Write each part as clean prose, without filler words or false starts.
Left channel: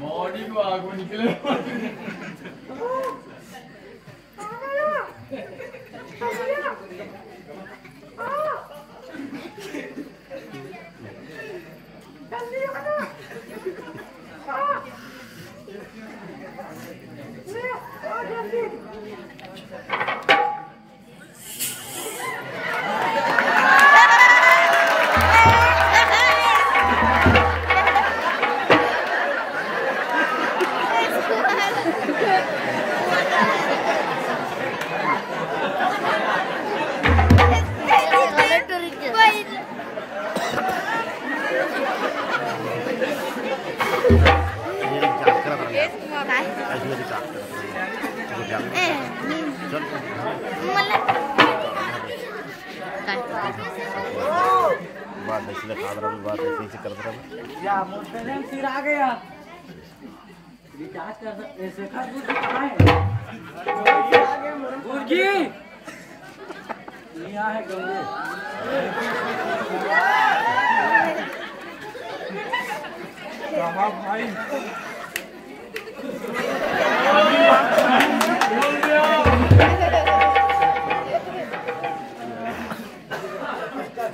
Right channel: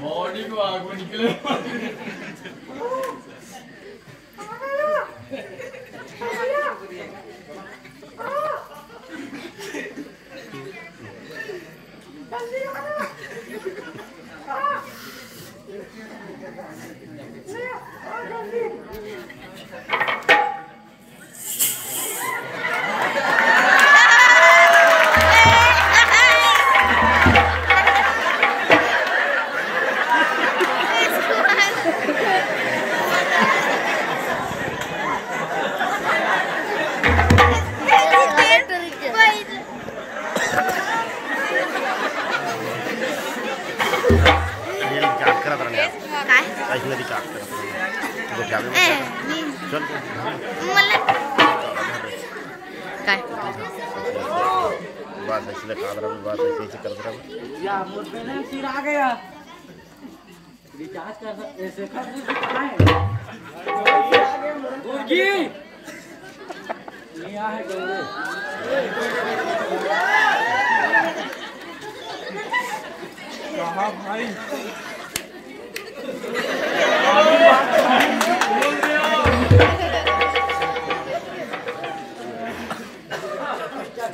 Morning को आगो निकले बात ऐसे दिखा रहा हूँ, बात ऐसे कर रहा हूँ। या मुझे नहीं सिर आ गया। रिचार्ज कर ऐसे खा दूँ कहाँ है? आ गया मुर्गी। ये है गंगे। कहाँ भाई?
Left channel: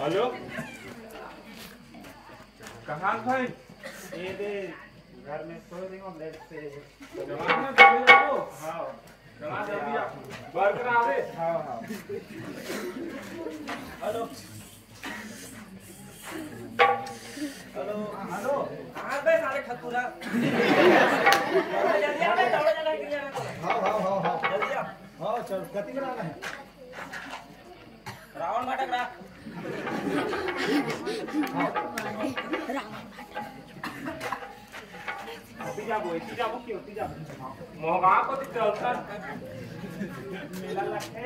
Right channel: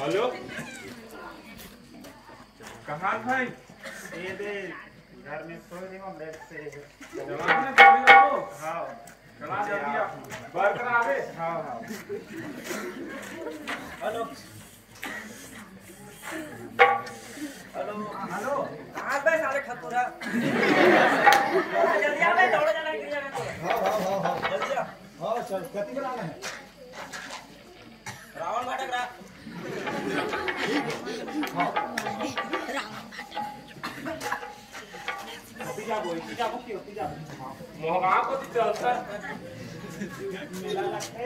हेलो कहाँ भाई? ये दे घर में सो रही हूँ बेड पे। हाँ चला जल्दी आ बर्गर आवे। हाँ हाँ हेलो हेलो हेलो कहाँ पे सारे खतूरा? जल्दी आ भाई दौड़े जाना है क्रिया में तो। हाँ हाँ हाँ हाँ जल्दी आ। हाँ चल गति बनाना है। रावण भाटक रहा। मोहमा को दी चलता मेला लगते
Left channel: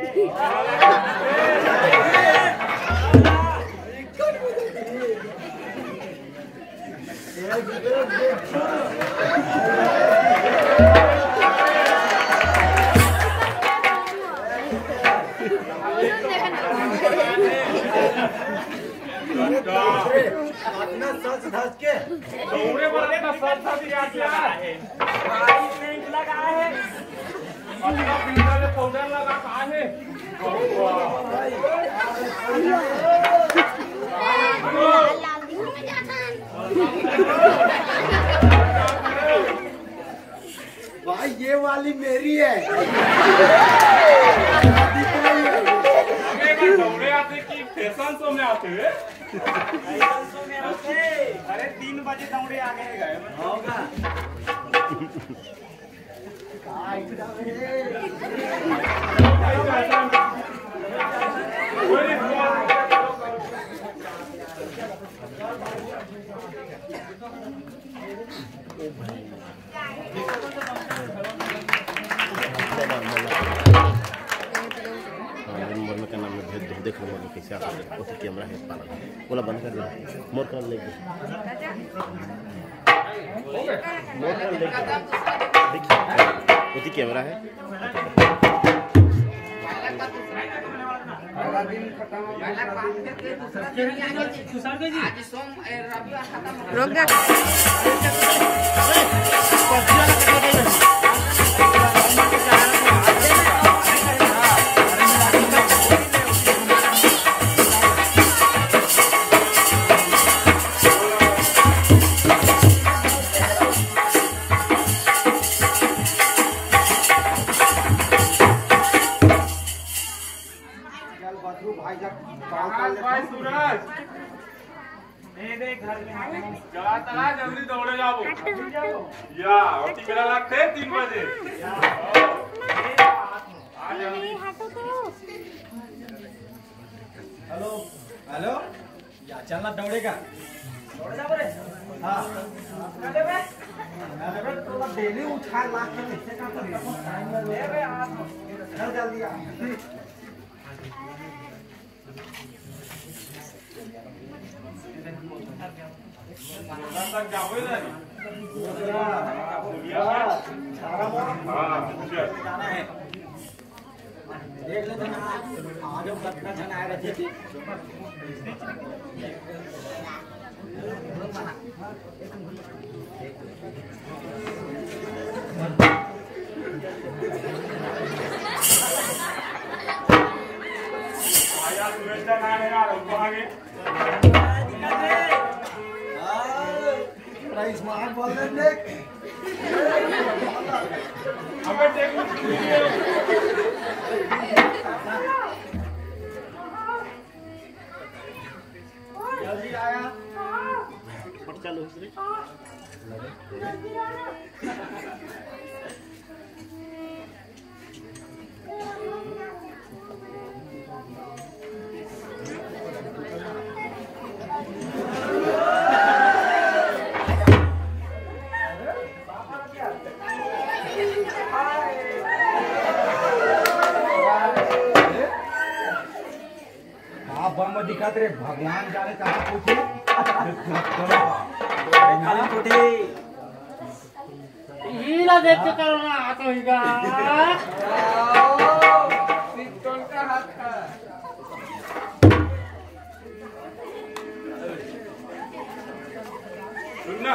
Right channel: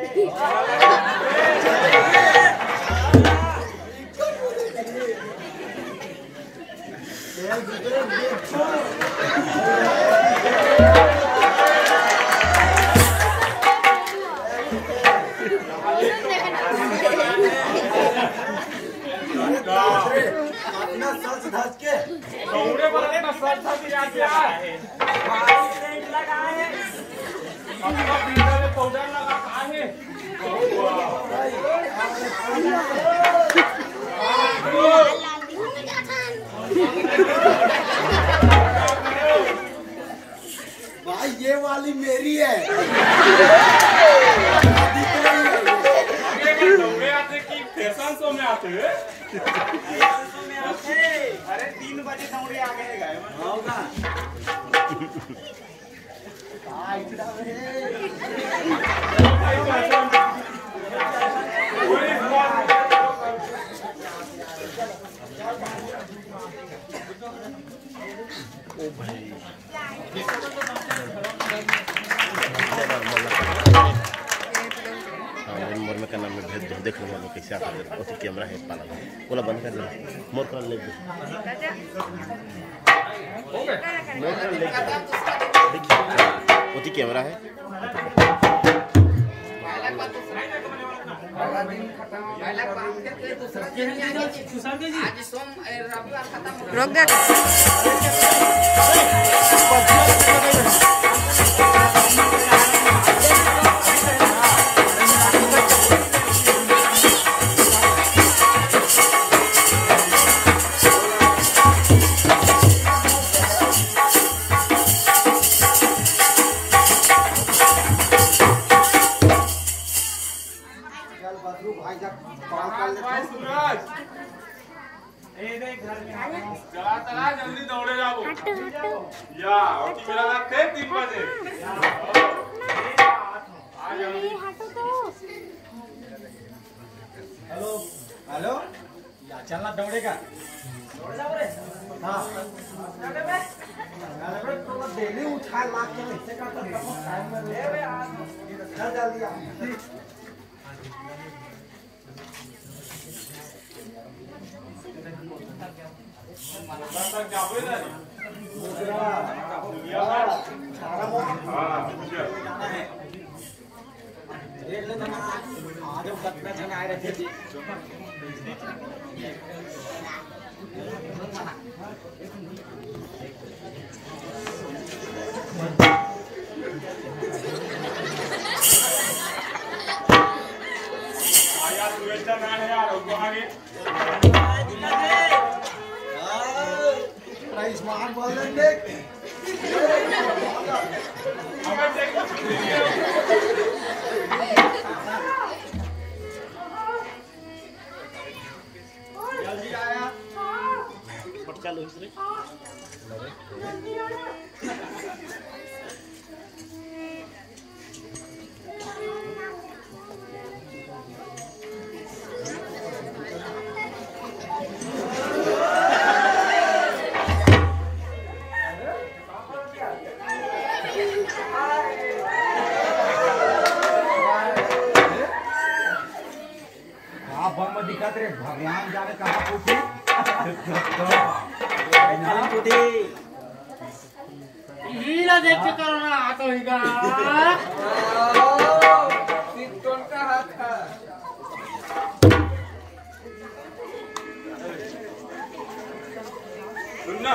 अपना सच धस के दौड़े वाले का सर था भी याद यार अपना पीछे में पाउडर लगा कहाँ है? भाई ये वाली मेरी है। दौड़े आते कि फैशन शो में आते हैं? अरे 3 बजे दौड़े आ गए गए होगा। ओ भाई मोर में का नाम में भेज दो देख लो मोर कैसे आता है। ओती कैमरा है पाला बोला बंद कर दे मोर कर ले मोर कर ले देखिए ओती कैमरा है। रोक दे भाई सूरज चला चला जल्दी दौड़े जाओ या अति मेरा लगते 3 बजे आ जल्दी। हेलो हेलो या चलना दौड़ेगा दौड़ जाओ रे। हाँ अरे तो डेली उठा ला के ऐसे का टाइम में ले रे चल जल्दी आ। तक जाओगे ना छारा मोड़ हां जाना है। देख ले जना आगे कितना जन आएगा ठीक यार शुभेच्छा ना है यार आगे प्राइस मार बोल देंगे जल्दी आया पट चालू है इसलिए दिखाते रे भगवान जाने कहाँ पूछी हीरा देख के करो ना आता होगा कौन का हाथ था सुनना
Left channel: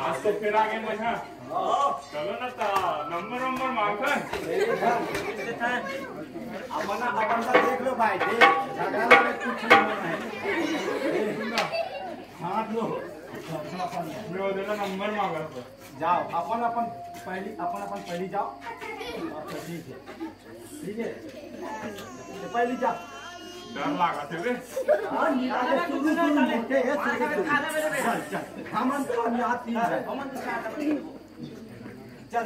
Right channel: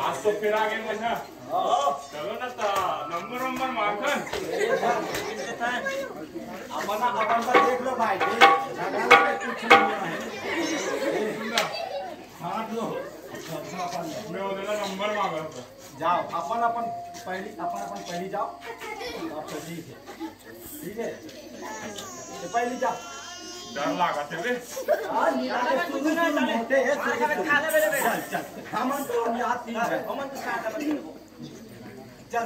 आज तो फिर आगे मजा चलो ना नंबर मांगन अपना देख लो भाई कुछ नहीं है हाथ लो मैं उधर नंबर मांगा जाओ अपन पहली जाओ तो ठीक है पहली जाओ डर लगा थे रे चल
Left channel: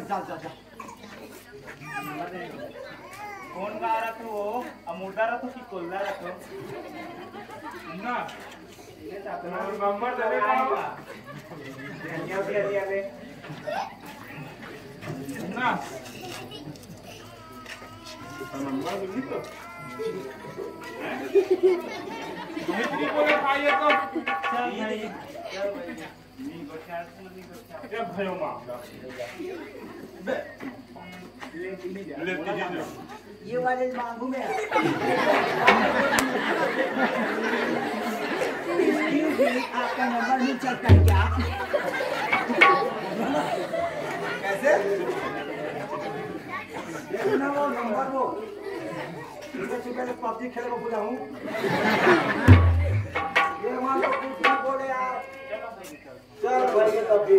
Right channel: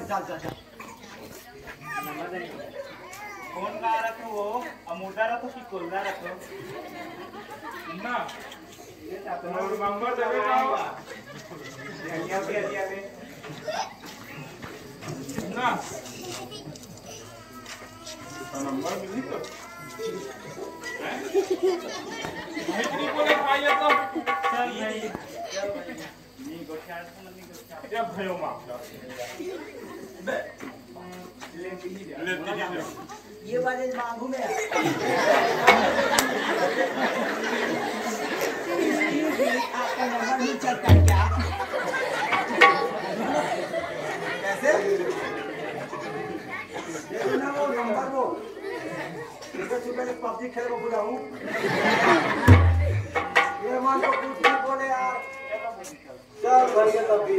कौन गा रखो वो अमोटा रखो कि कोल्ला रखो ना नंबर दे दे ना नंबर मिली तो कितनी बोले भाई ये तो चल भाई ये भयो मांगता ये वाले मांगू मैं आपका नंबर नहीं चलता है क्या कैसे ना वो नंबर वो सुबह पबजी खेल को बुलाऊं ये मान लो कुछ नहीं बोले यार चल घर के तब भी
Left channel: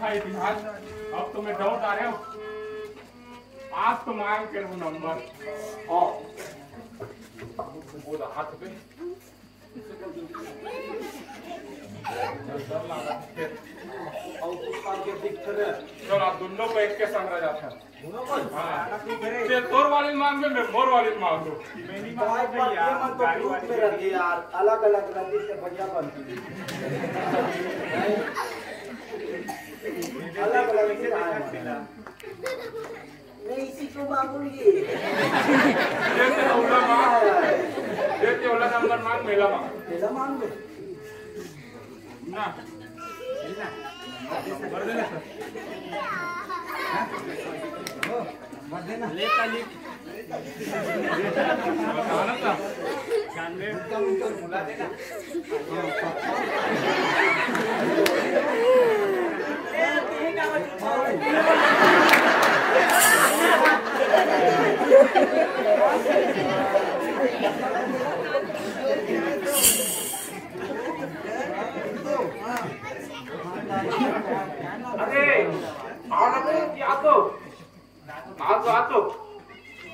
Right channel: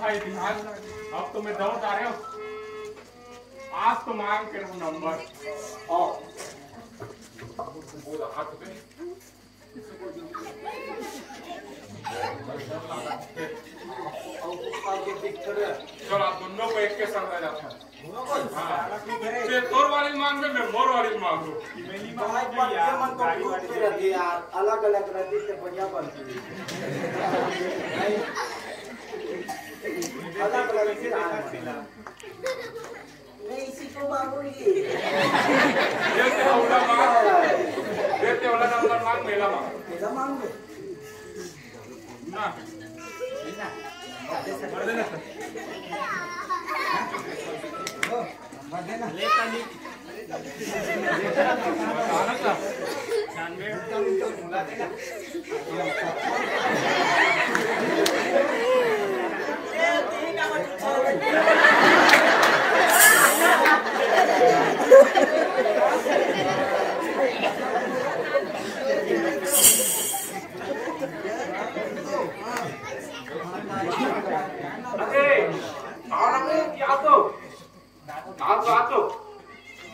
भाई ध्यान अब तो मैं डाउन आ रहे हो आज तो मांग कर नंबर हाथ पे चलो आप दोनों को एक के संग रह जाते हैं तोर वाली मांग में मैं मोर वाली मांग दो यार अलग अलग रहती से बढ़िया बनती अलग अलग मैं इसी को मांगूंगी देखते वाला नंबर मांग मेला मांग ले ना भर देना भर देना ले काली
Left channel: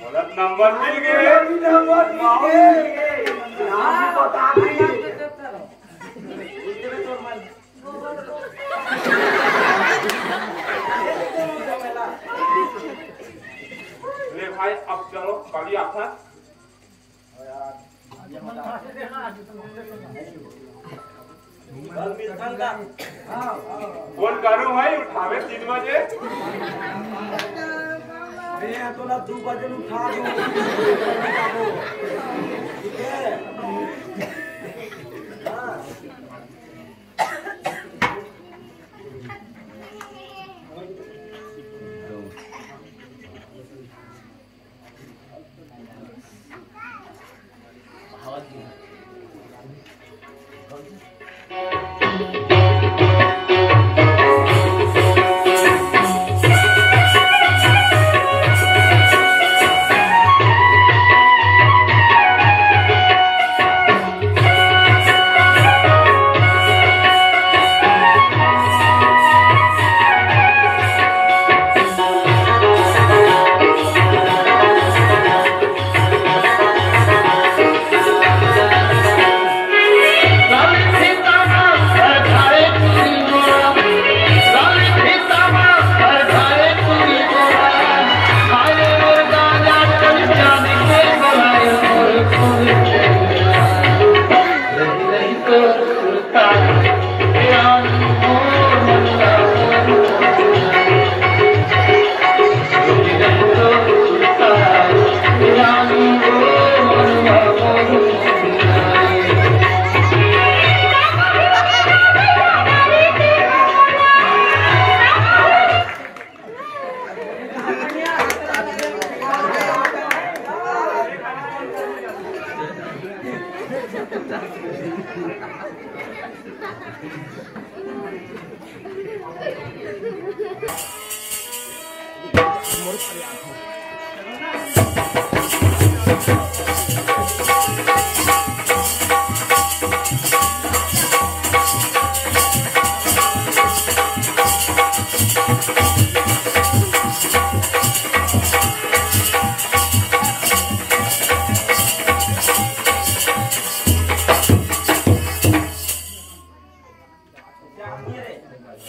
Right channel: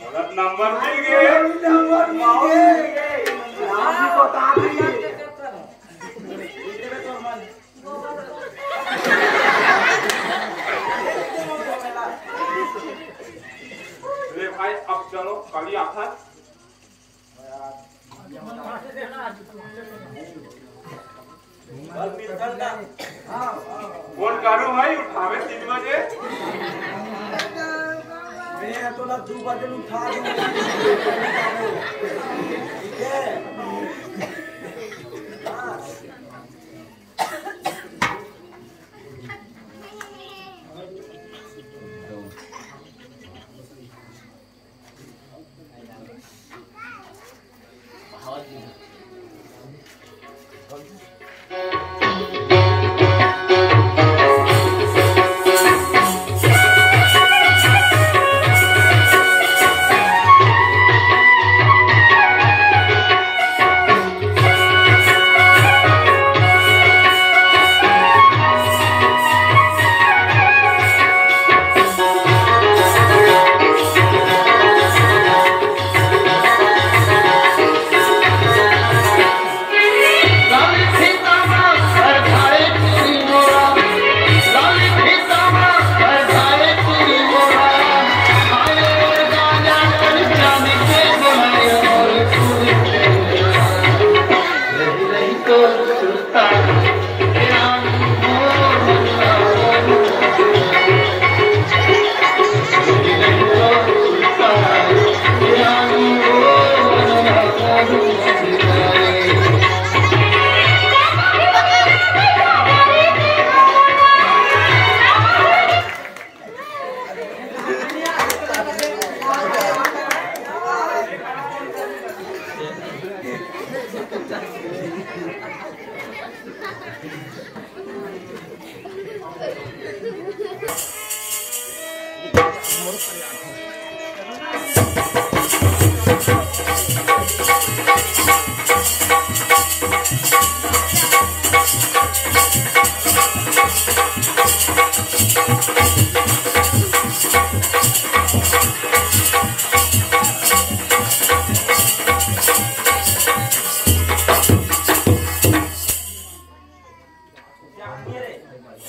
बोलत नंबर मिल गए। ले भाई अब चलो कल आता फोन करूँ भाई उठावे 3 बजे। मैं तो ना 2 बजे उठा दूं। ठीक है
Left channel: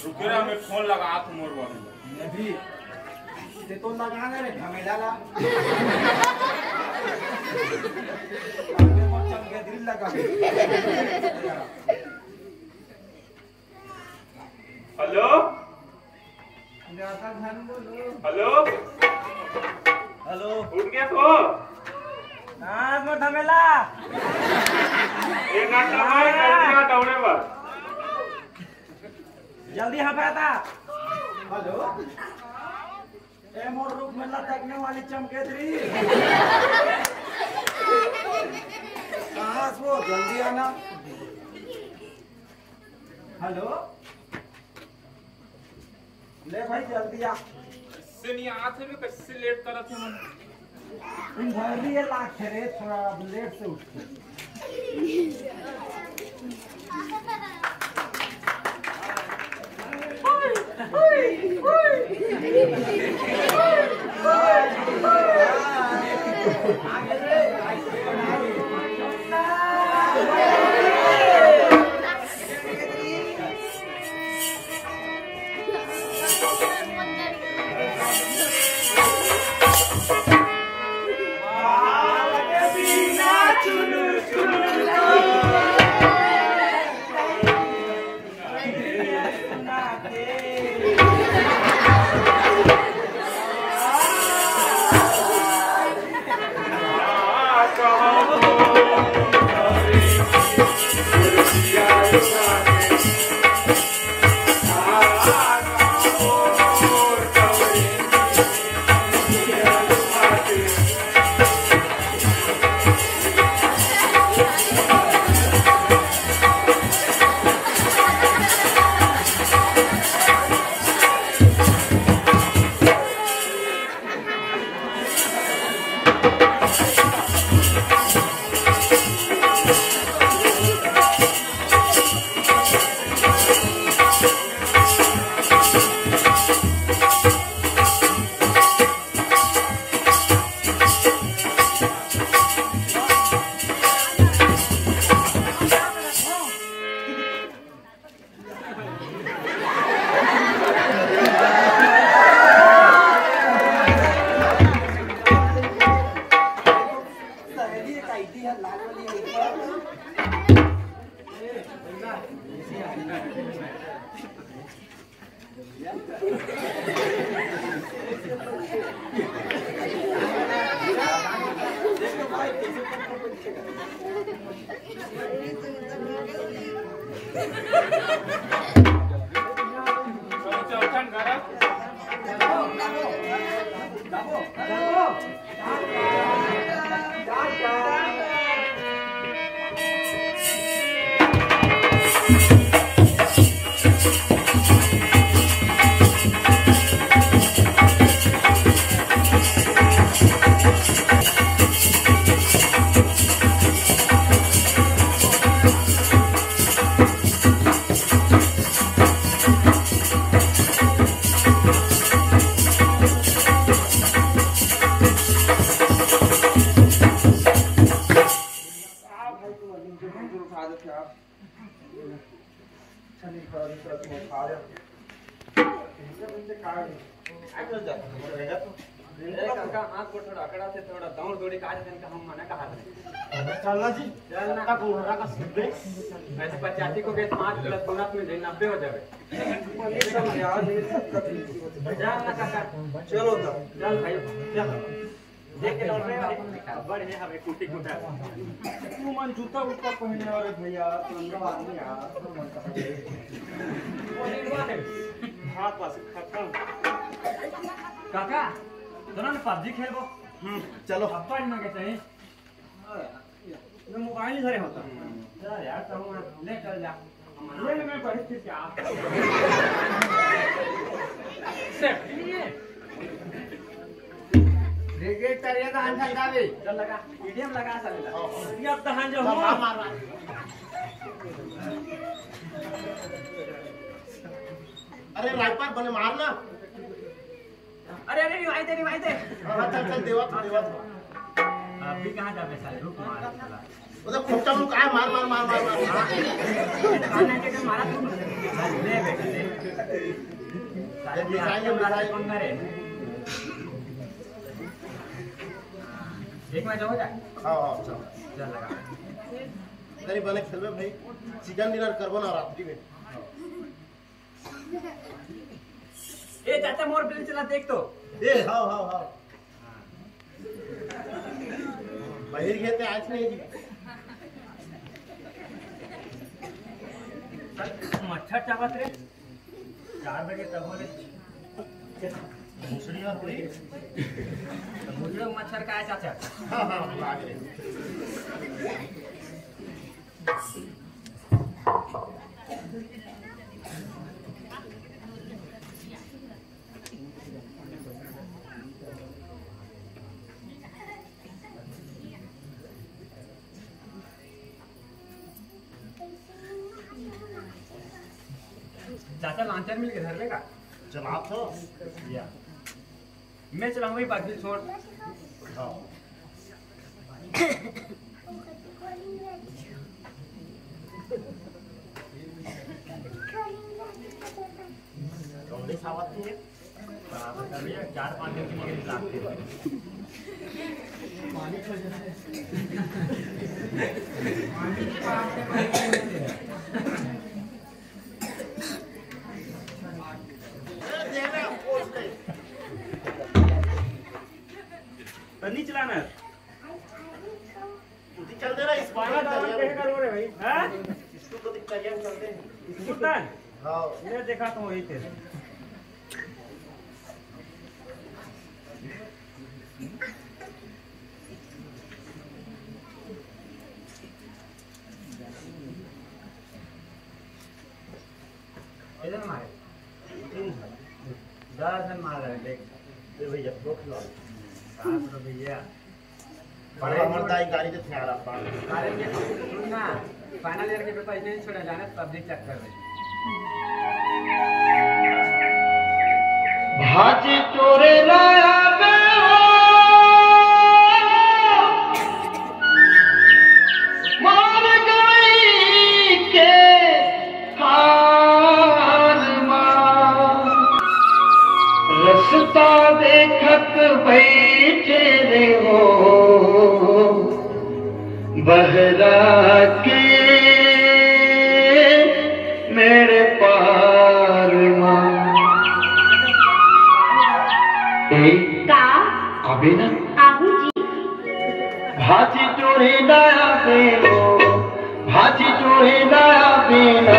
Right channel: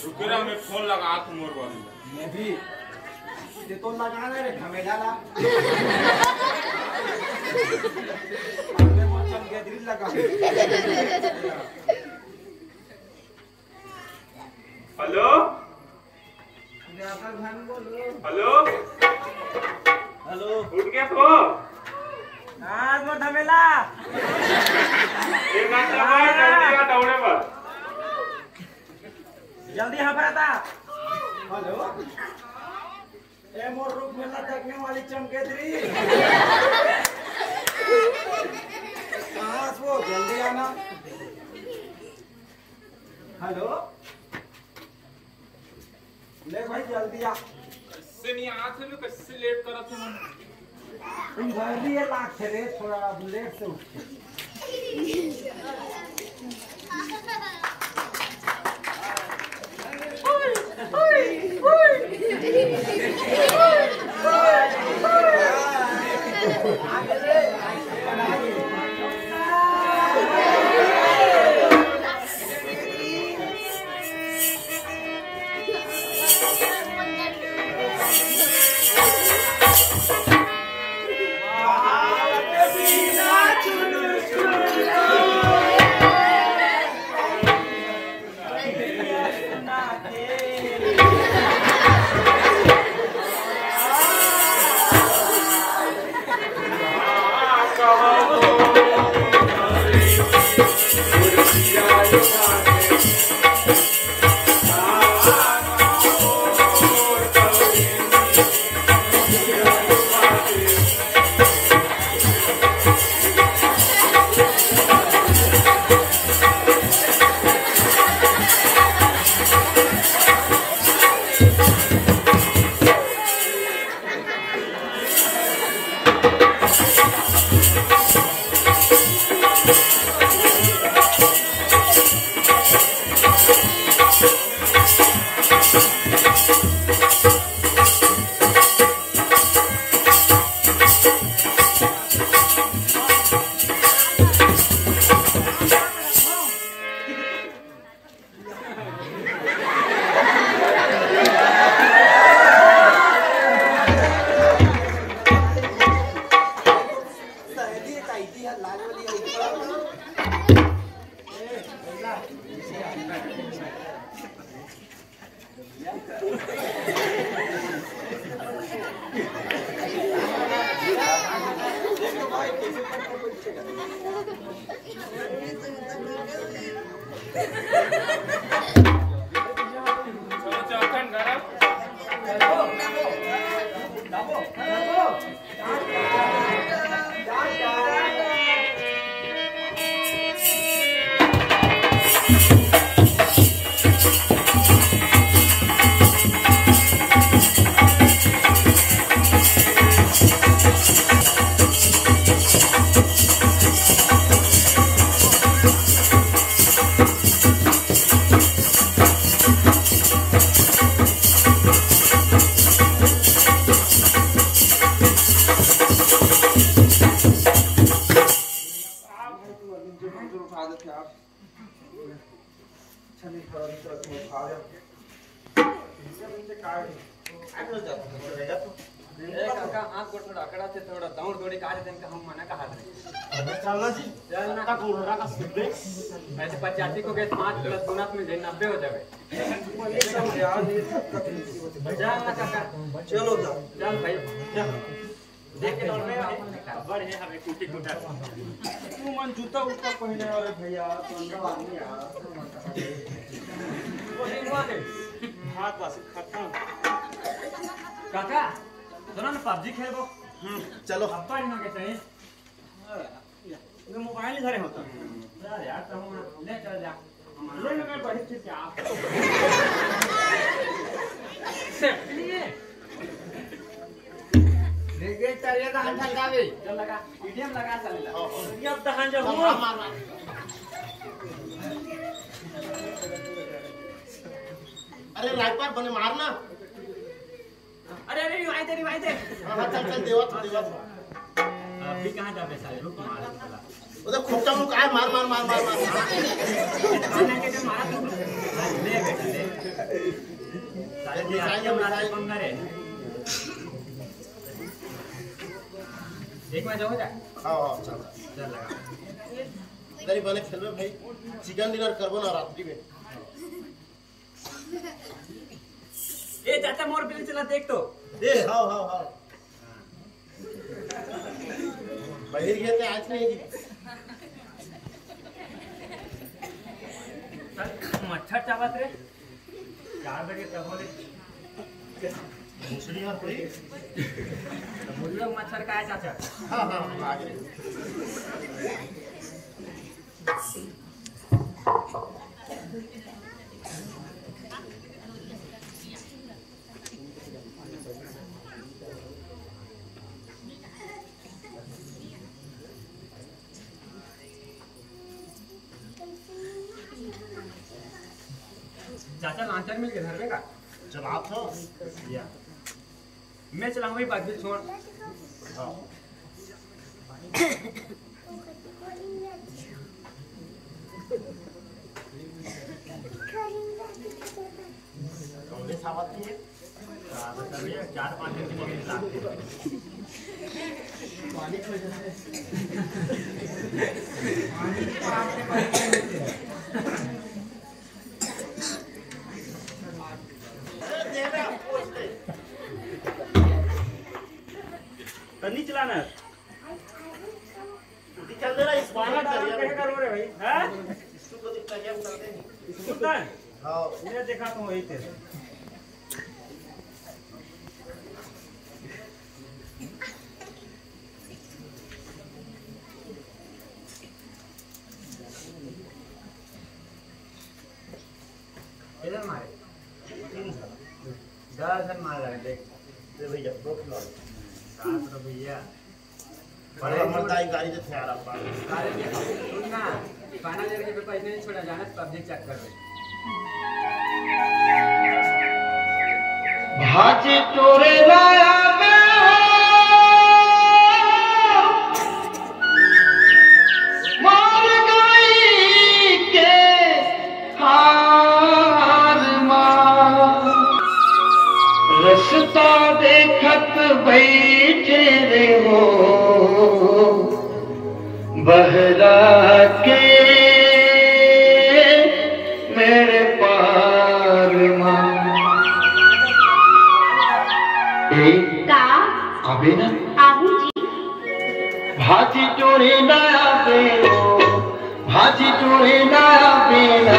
रुकेरा में फोन लगा तो मोर वाली मैं भी ते तो लगा रे झमेला ला मैं चमके दिल लगा। हेलो हेलो हेलो उठ गया तो आज वो झमेला एक घंटा में जल्दी का दौड़े पर जल्दी यहाँ पर आता। हेलो ए मोर रूप में लटकने वाली चमकेदरी कहाँ से वो जल्दी आना। हेलो ले भाई जल्दी आ। इससे नहीं आते में कैसे लेट कर थे तुम जल्दी ये लाख रे थोड़ा लेट से उठ चौथन गरम आँख को थोड़ा अकड़ा से थोड़ा दौड़ दौड़ी काट देने का हम मना कहा थे चलना जी चलना का कोरा का सुबे ऐसे 85 को गए 5 प्लस 9 में 90 हो जावे चलना काका चलो तो चल भाई चल देख के दौड़ रहे बड़ है हमें कुटी कुटा तू मन जूता ऊपर पहने वाले भैया ठंडा आदमी यार हाथ पास खत्म काका दोनों ने पबजी खेलबो चलो हफ्ता ही ना के चाहिए ये मोबाइल इधर होता चल यार तो हम ले चल जा ले मैं बैठ के क्या लेके चलिए तो अंदर जावे चल लगा मीडियम लगा चल ला ये अब तहन जो मार मार अरे राइपर बने मारना अरे अरे रिवाई दे हाँ चल चल देवा अभी कहां जावे साले रुक मार चला उधर खोपचा में काय मार मार मार मार मार काना के तो मारा तू हां ले बेटा ले साले मिठाई पंगरे एक मैच हो जाए हाँ हाँ चल चल लगा गरीब बने खेलबे भाई चिकन डिनर करबो ना रात्रि में ए चाचा मोर बिल चला देख तो दे हाँ हाँ हाँ बाहर गए थे आज नहीं जी मच्छर चावत रे 4 बजे तक बोले मुसड़ी और कोई मुझे मच्छर का है चाचा हाँ हाँ आ गए चाचा लांचर मिल के घर में का चल आप तो या मैं चलाऊं भाई बाकी छोड़ हाँ कौन सावत की है बता भैया 4-5 दिन के लिए लागते नहीं चलाना चल दे रहा इस पानी करो रे भाई हैं इसको को दिखता है चल दे सुल्तान हाँ ये देखा तो वही थे इधर मारे 10 जन मार रहे देख दे भैया दो खिला तो भैया बड़ा मर्दाई गाड़ी से थे आराम पार अरे ये सुन ना फाइनल ईयर के पेपर इसलिए नहीं छोड़ा जाना पब्लिक चेक कर रहे भाजी तोरे लाया में मार गई के हार मार रस्ता देखत बैठे रे हो बहला के मेरे पार मार आबे ना भाजी टोरे ना बेनो भाजी टोरे ना बेना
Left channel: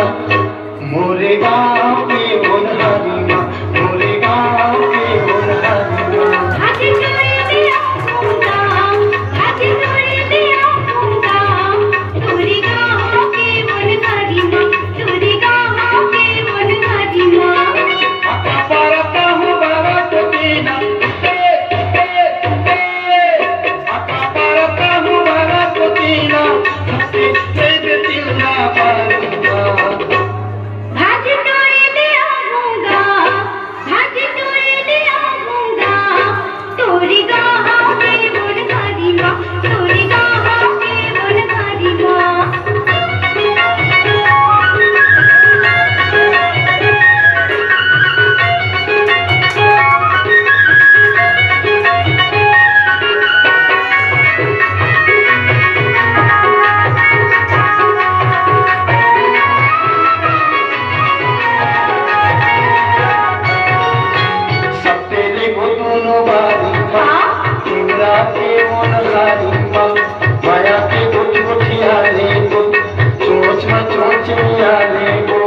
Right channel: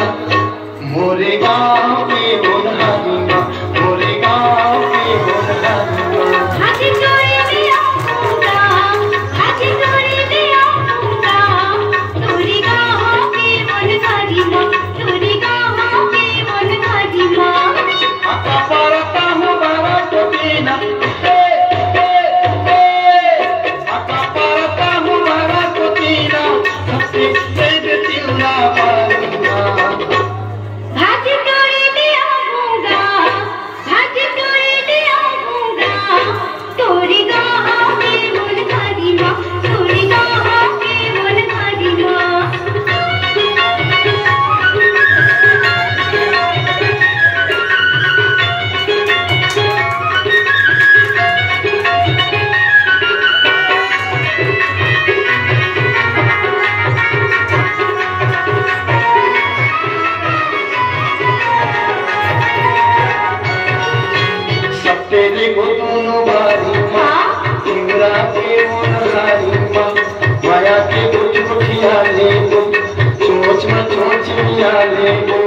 सोच मियाले गो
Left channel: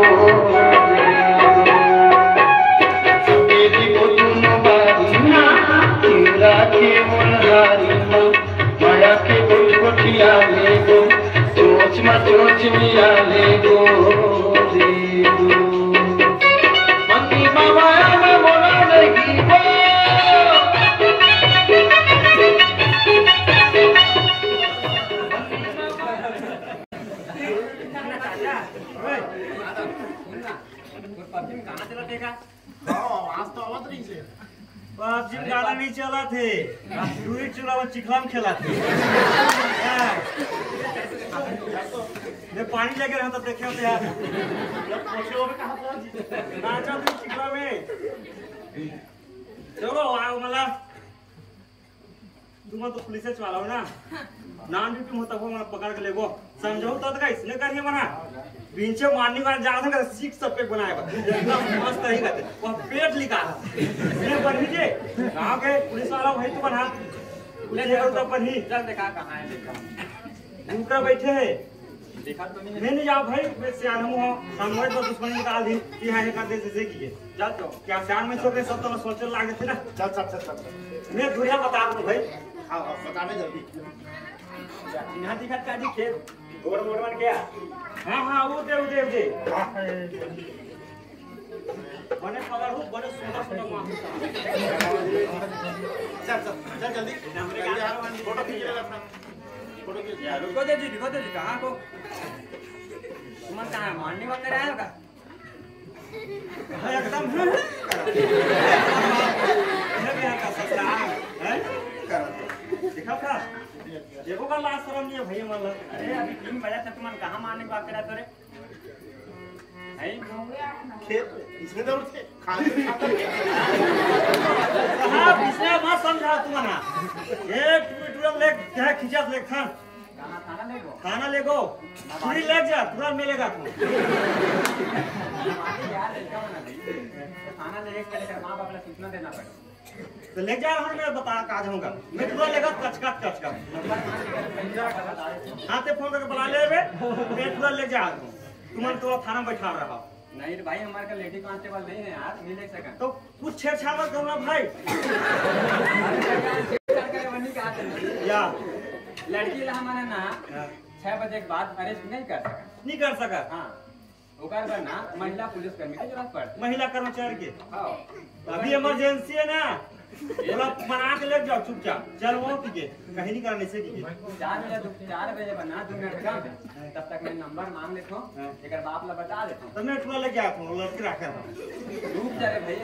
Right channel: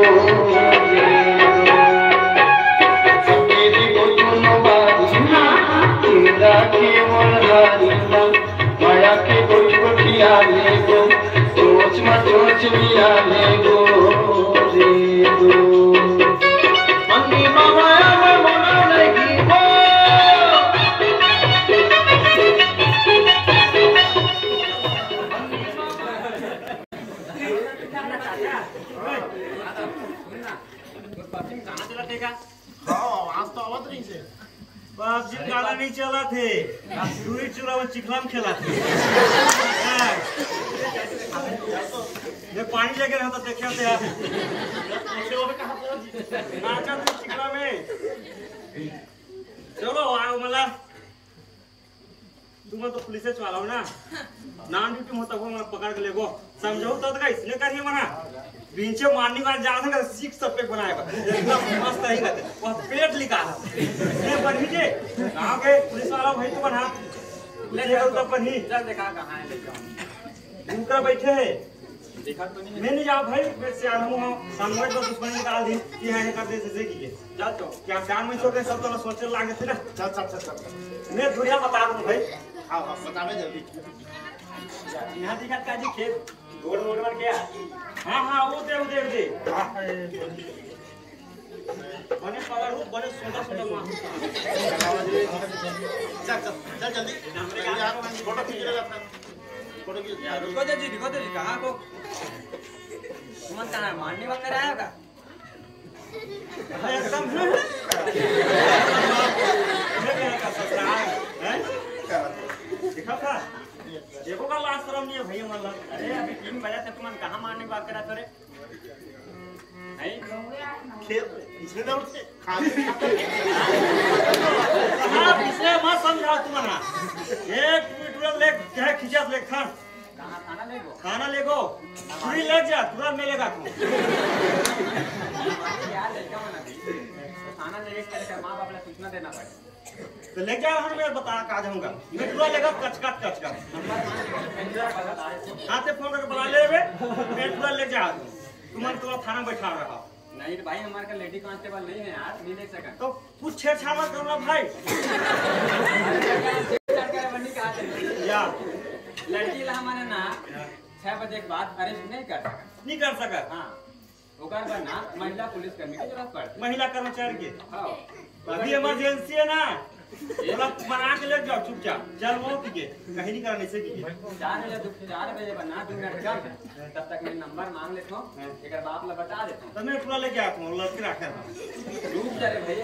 सपेरी को तुम बारीना इंद्रा के वनरारीना माया के कोई कोठिया ले गो सोच मियाले गो रे गो मंगी माया में मोना लगी गो पबजी गाना नहीं चला थे दूरी चूरा में चिखलाम खेला थे मैं पानी लेके रहता देखे होते यार नाचा थे चिखला में चलो आओ मला तुम तो पुलिस से चला हो ना नाम ड्यूटी होता वो मैं पकड़ के ले गो समझो तो का इसने करिए मना बीचे मारने का जा रहा सीख सब पे बनाएगा एकदम मस्त ही रहते वो पेट निकाला ये बनी जे गांव के पुलिस वाला भाई तो बना ले जाओ तो बनी चल देखा कहां है देखो उनका बैठे है देखा तो नहीं जाओ भाई मैं सियान हूं सामने तो दुश्मनी निकाल दी कि है कर दे जैसे की चल तो क्या सियान में छोटे सब तो सोचने लागे थे ना चल मैं दुनिया बता दूं भाई हां बतावे जल्दी यहां दिखा का जी खेत गोड़ मोड़ के हां वो दे बने पगार हो बने सोना मां चल जल्दी फोटो खींच ले अपना फोटो खींच यार रुको दे जी कहां को तुम कहां मारने वगैरह आया का हां एकदम है क्या का ससुराल है दिखा था देखो का लाश शर्म नहीं है भैया मतलब अरे अभी 3 बजे से तुम कहां मारने की बात करा तोरे है खेत इसमें तो उठे हां इससे मत समझा तुम ना एक ट्विटर ले क्या खिंचा ले खाना ले गो पूरी ले जा तुरंत मिलेगा तू हमारे यार लड़का बना दे खाना लेके चले मां बाप ने सूचना देना पड़े तो ले जा हम मैं बता का जाऊंगा मैं तुरंत लेगा कचका नंबर मान लेकर बता रहे हां से फोन करके बुला ले बे मैं तुरंत ले जा तुम्हारे तो थाना में बैठा रहा नहीं भाई हमारे का लेडी कांस्टेबल नहीं है यार नहीं ले सका तो कुछ छेड़छाड़ मत करो ना भाई या लड़की ला हमारे ना 6 बजे के बाद अरेस्ट नहीं कर सका हाँ ओकर पर ना महिला पुलिस कर्मी की जरूरत पड़ महिला कर्मचारी के हाँ अभी इमरजेंसी है ना ये लोग बना के ले जाओ चुपचाप चल वो के कहीं नहीं करने से 4 बजे बना 2 मिनट कम तब तक मैं नंबर मांग लेता हूं एक बाप ला बता देता हूं तो मैं पूरा लेके आता हूं लड़के रखा था रुक जा रे भाई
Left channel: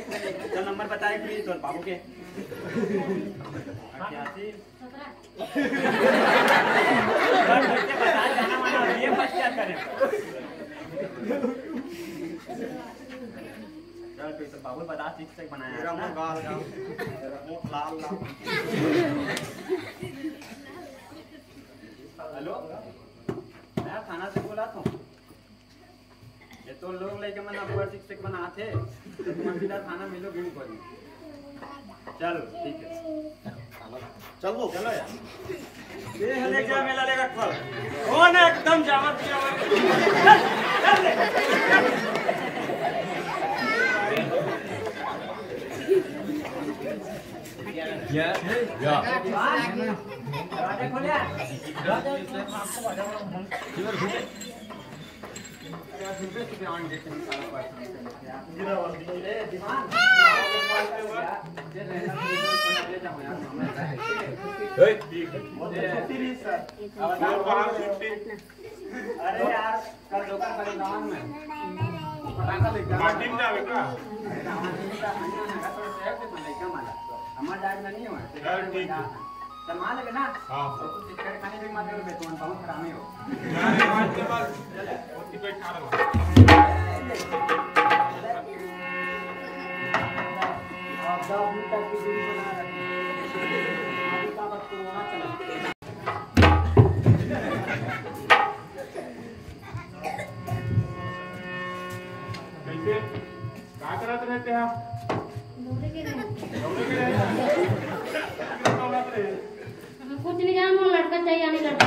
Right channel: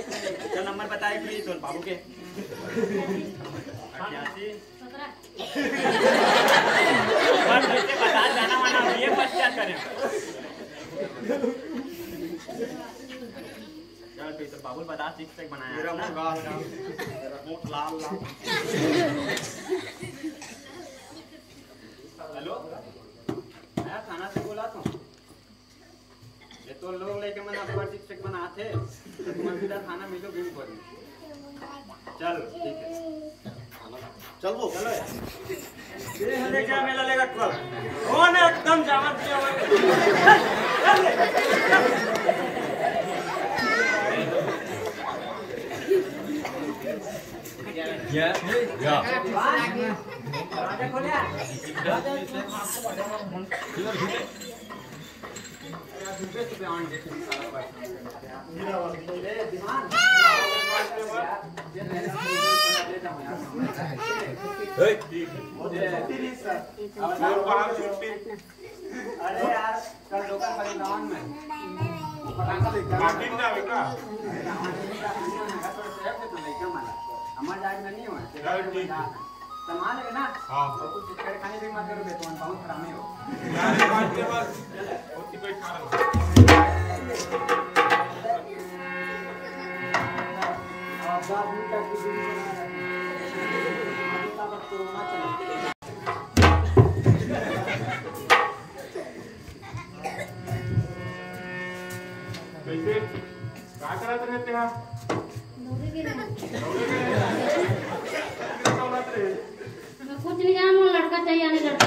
चल नंबर बताए प्लीज तो बाबू के 88 बस बच्चे बता जाना माना ये फर्स्ट क्या करें चल तो बाबू बता 6 तक बनाया मेरा मुंह गाल मेरा मुंह लाल हेलो मैं थाना से बोला था ये तो लोग लेके मना पर 6 तक बनाते तो तुम सीधा थाना मिलो बिन को चलो ठीक है चल वो चलो यार ये ले जा मेला लेगा ट्रक कौन है एकदम जामा या दरवाजा खोलिया झुके से ऑन देखे सारा परेशान मेरा वाले दिमाग ओए ठीक है अरे यार कल लोकल वाले गांव में पटाखा लेकर टीम जावे का हमार जाग में नहीं हो ठीक है सामान है ना हां और कुछ चिकन खाने भी मार दे बेटन बहुत खराब नहीं हो के बाद ओती पे खा रहा कैसे क्या करा थे नेते वहां कुछ नहीं जाना लड़का चाहिए नहीं लड़का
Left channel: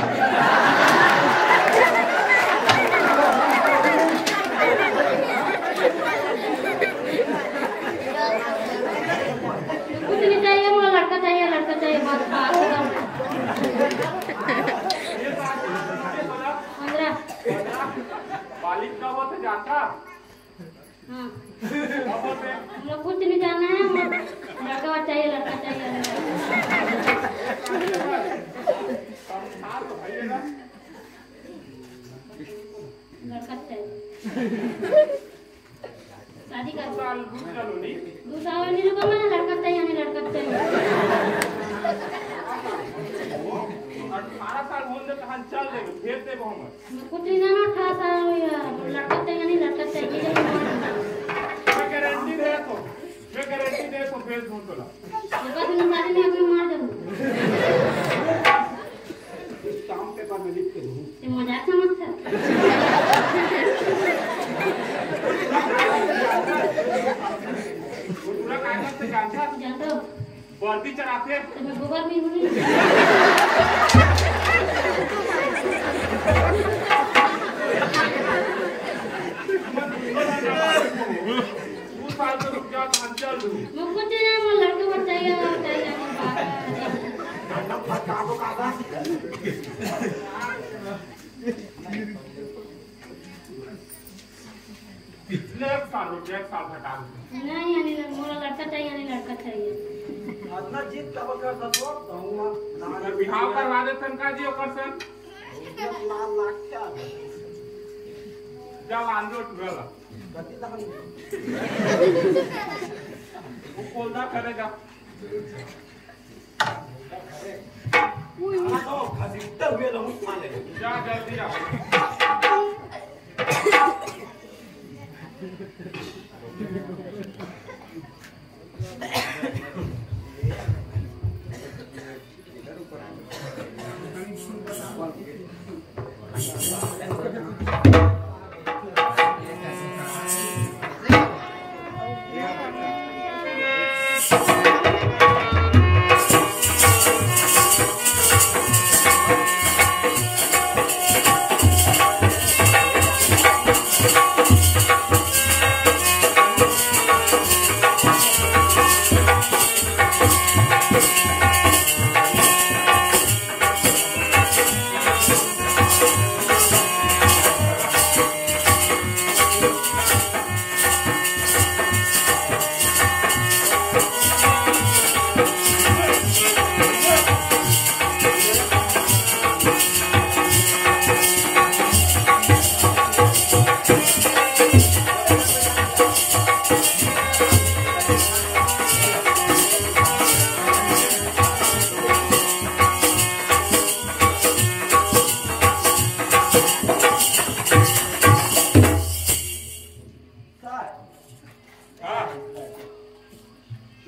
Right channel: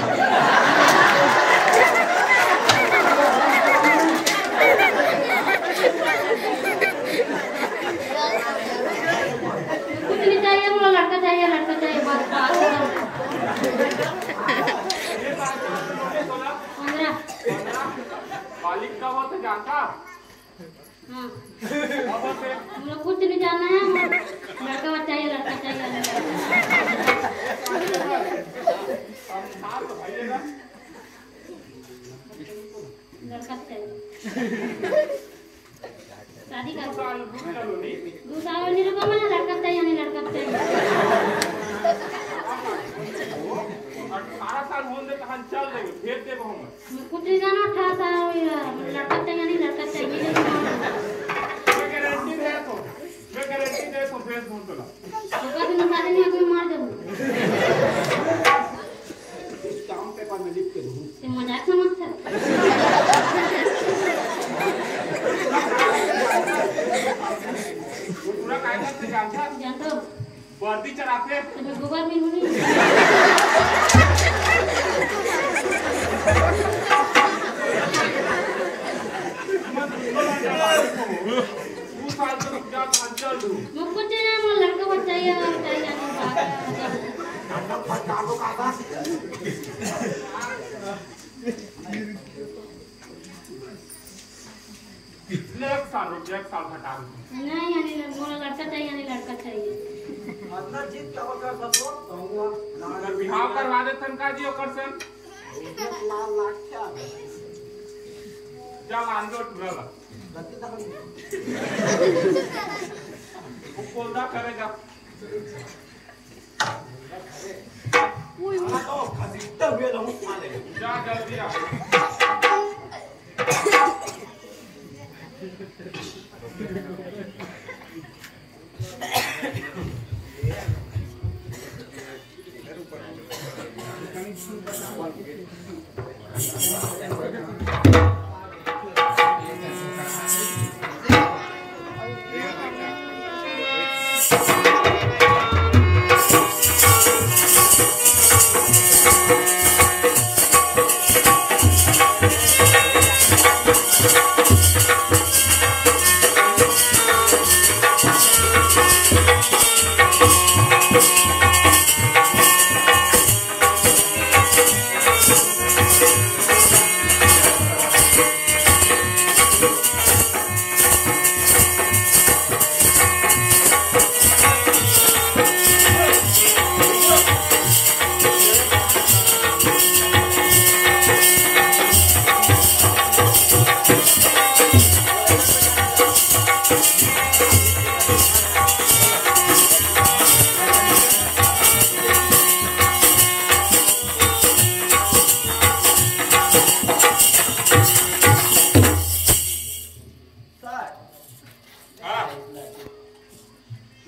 मालिक कब होते जानता? हाँ कब होते? हम लोग कुछ नहीं जानना है, लड़का चाहिए लड़का चाहिए। साथ भाईएगा लड़का चाहिए शादी कर साल रुक चलो नहीं दूसरा वाली को ना लड़का चाहिए नहीं लड़का चाहिए। 18 साल होने तो हम चल देंगे फिर देबो हम कुछ नहीं जाना 18 साल हो गया लड़का चाहिए नहीं लड़का चाहिए। मैं गारंटी दे तो भेज दूं तोला लड़का तो निकाल नहीं कोई मार दो काम पेपर में लिख के दूं। ये मजाक समझता है। वो पूरा कागज से जानता जानते हो वर्दी चढ़ाते तुम्हें गोबर भी नहीं तू साल तो रुक जा हम चल दूं मुझको चाहिए वो लड़का पर चाहिए एक साल हटा दूं नहीं यानी मोरा लड़का चाहिए नहीं लड़का चाहिए। अपना जीत कब कर सको कहूंगा अगर बिहाव करवा दे तनका जी ओकर से लाख क्या जा लांजोट गला गति तक वो कोलदा करेगा तो खसीटते हुए रहूं साले जा जल्दी आ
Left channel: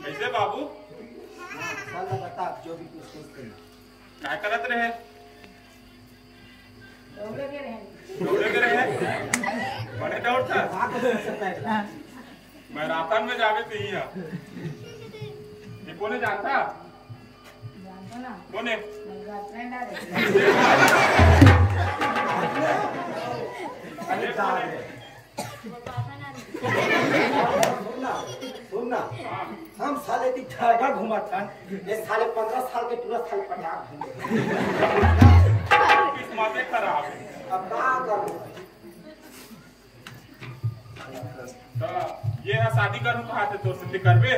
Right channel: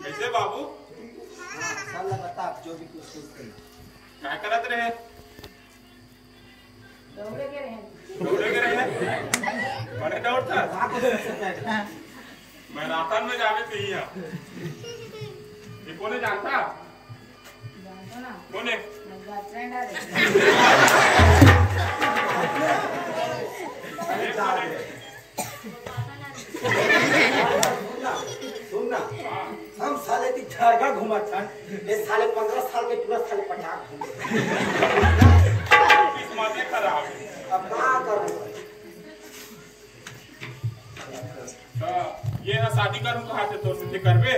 कैसे बाबू साला बता जो भी कुछ सोचते हैं क्या करत रहे दौड़े के रहे बड़े डाउट था कहां को देख सकता है मैराथन में जावे चाहिए ये कौन जानता कौन है सुन ना हम साले ती झारगा घुमा था ये साले 15 साल के पूरा साले पटाक घूमे किस्मत खराब अब क्या करूं तो ये है शादी करूं कहा थे तो तुझे करबे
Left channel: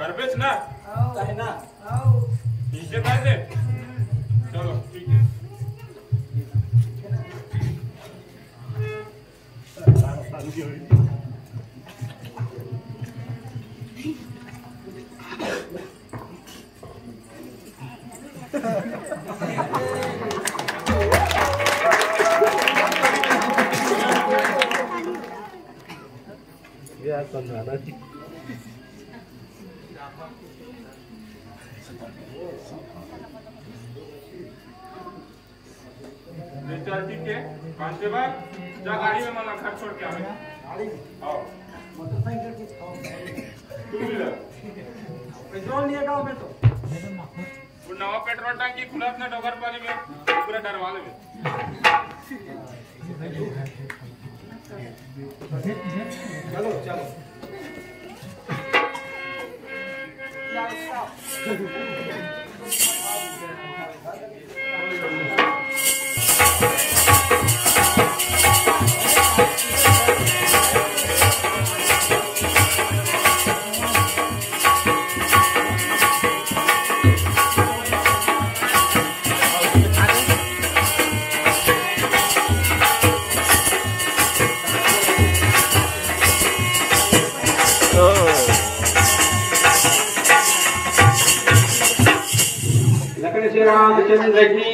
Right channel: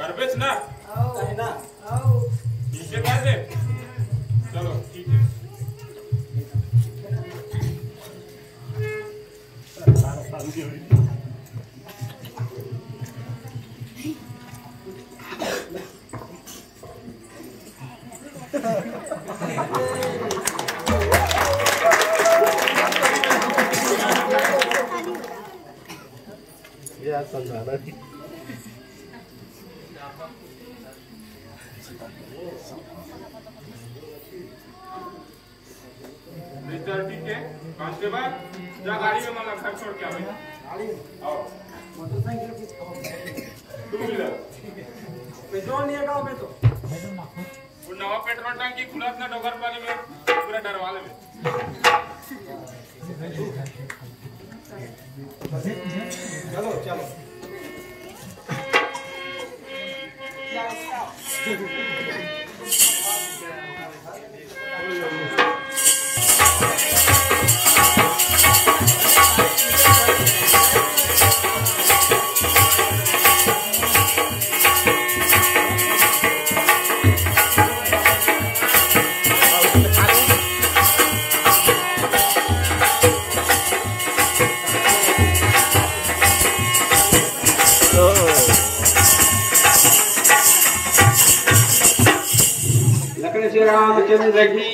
करबेच ना कहना नीचे कर दे चलो ठीक है मिस्टर ठीक है कांस्टेबल जा गाड़ी में मना घर छोड़ के आवे गाड़ी आओ मोटरसाइकिल की टू व्हीलर पेट्रोल नहीं है गांव में तो वो नवा पेट्रोल टंकी खुलत ना डोगर पानी में पूरा डरवा ले चलो चलो Thank you. लक्ष्मण श्री रामचंद्र की